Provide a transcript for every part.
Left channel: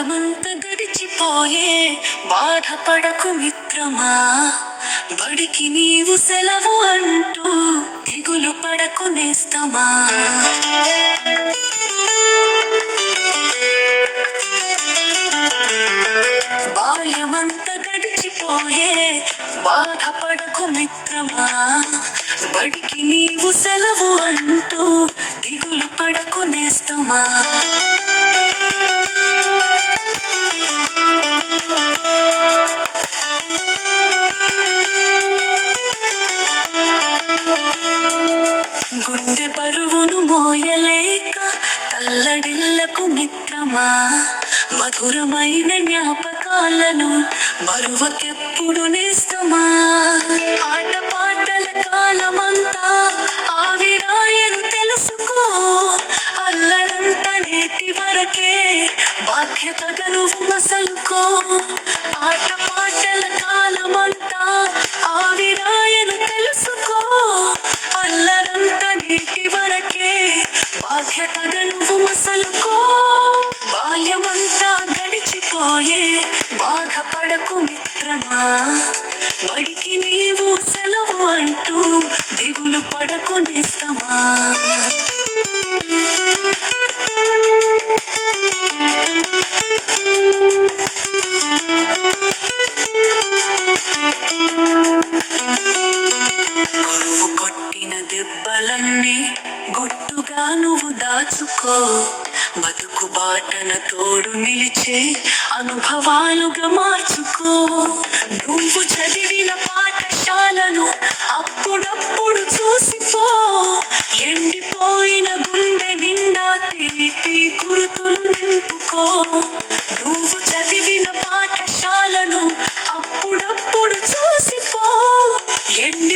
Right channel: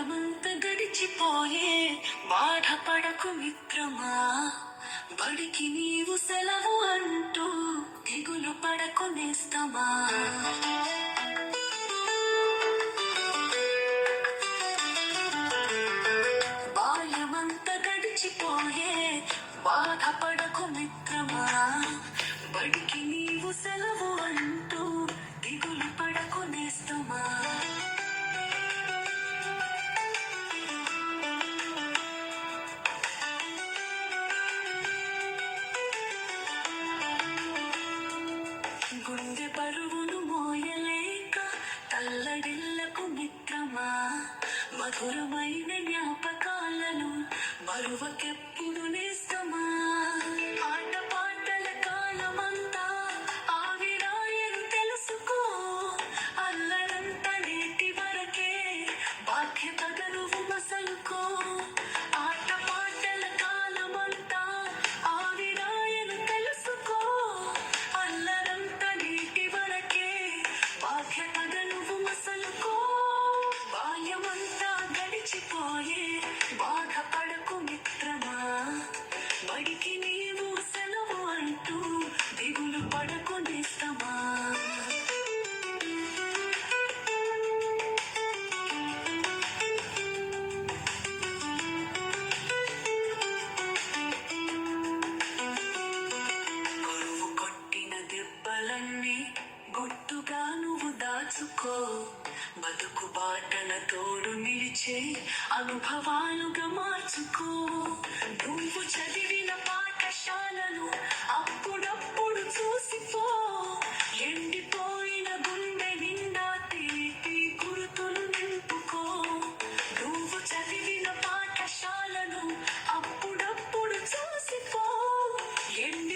బాల్యమంత గడిచిపోయే బాధపడకు మిత్రమా? బడికి నీవు సెలవు అంటూ దిగులు పడకు నేస్తమా? బాల్యమంత గడిచిపోయే బాధపడకు మిత్రమా? బడికి నీవు సెలవు అంటూ దిగులు పడకు నేస్తమా? మిత్రమా మధురమైన జ్ఞాపకాలను మరువకెప్పుడు నేస్తమా ఆట పాటల కాలమంతా ఆవిరాయని తెలుసుకో. అల్లరంత నేటి వరకే బాధ్యతగను మసలుకో మిత్రమా బడికి నీవు సెలవు అంటూ దిగులు పడకొనిస్తామా కొట్టిన దెబ్బలన్నీ గుట్టుగా నువ్వు దాచుకో. బాటన తోడు నిలిచే అనుభవాలుగా మార్చుకో. నువ్వు చదివిన పాఠశాలను అప్పుడప్పుడు చూసిపో. ఎండిపోయిన గుండె నిండా తీపి గుర్తులు నింపుకో. నువ్వు చదివిన పాఠశాలను అప్పుడప్పుడు చూసిపో. ఎండి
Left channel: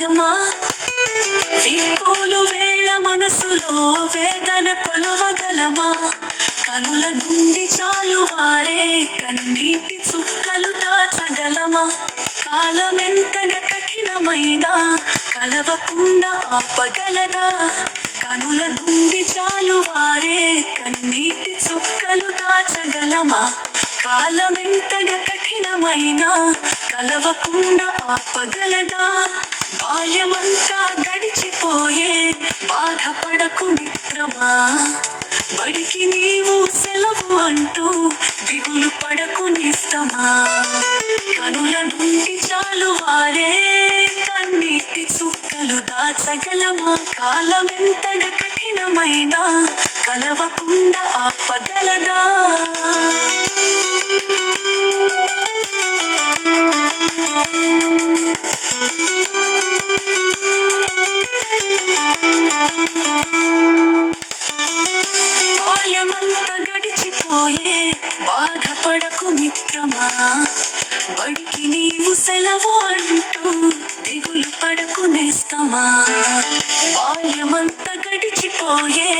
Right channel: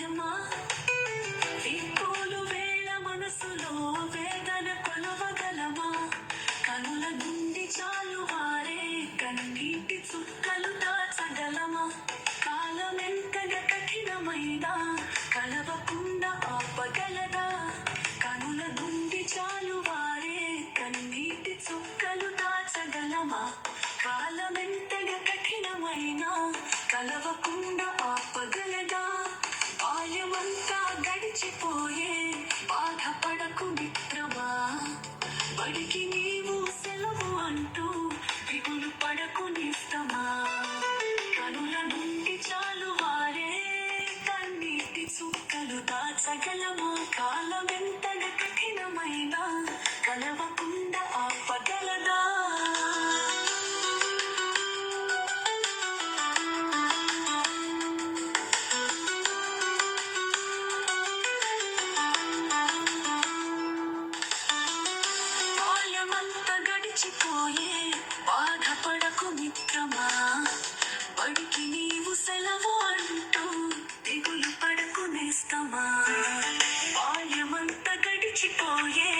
సాధ్యమా వీకోలు వేళ మనసులో వేదన కొలవగలమా? కనుల నుండి చాలు వారే కన్నీటి చుక్కలు దాచగలమా? కాలమెంతగా కఠినమైనా కలవకుండా ఆపగలదా? కనుల నుండి చాలు వారే కన్నీటి చుక్కలు దాచగలమా? కాలమెంతగా కఠినమైనా కలవకుండా ఆపగలదా? బాల్యమంతా గడిచిపోయే బాధపడకు మిత్రమా? బడికి నీవు సెలవు అంటూ దిగులు పడకు నిస్తమా కనుల నుండి చాలు వారే కన్నీటి చుక్కలు దాచగలమా? కాలమెంతగా కఠినమైనా కలవకుండా ఆపగలదా? పోలే బాధపడకు మిత్రమా? బడికి నీవు సెలవు అంటూ దిగులు పడకు నేస్తమా? బాల్యమంతా గడిచిపోయే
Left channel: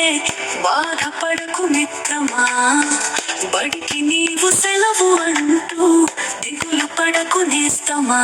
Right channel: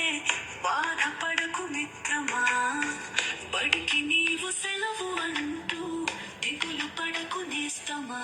బాధపడకు మిత్రమా? బడికి నీవు సెలవు అంటూ దిగులు పడకు నేస్తమా?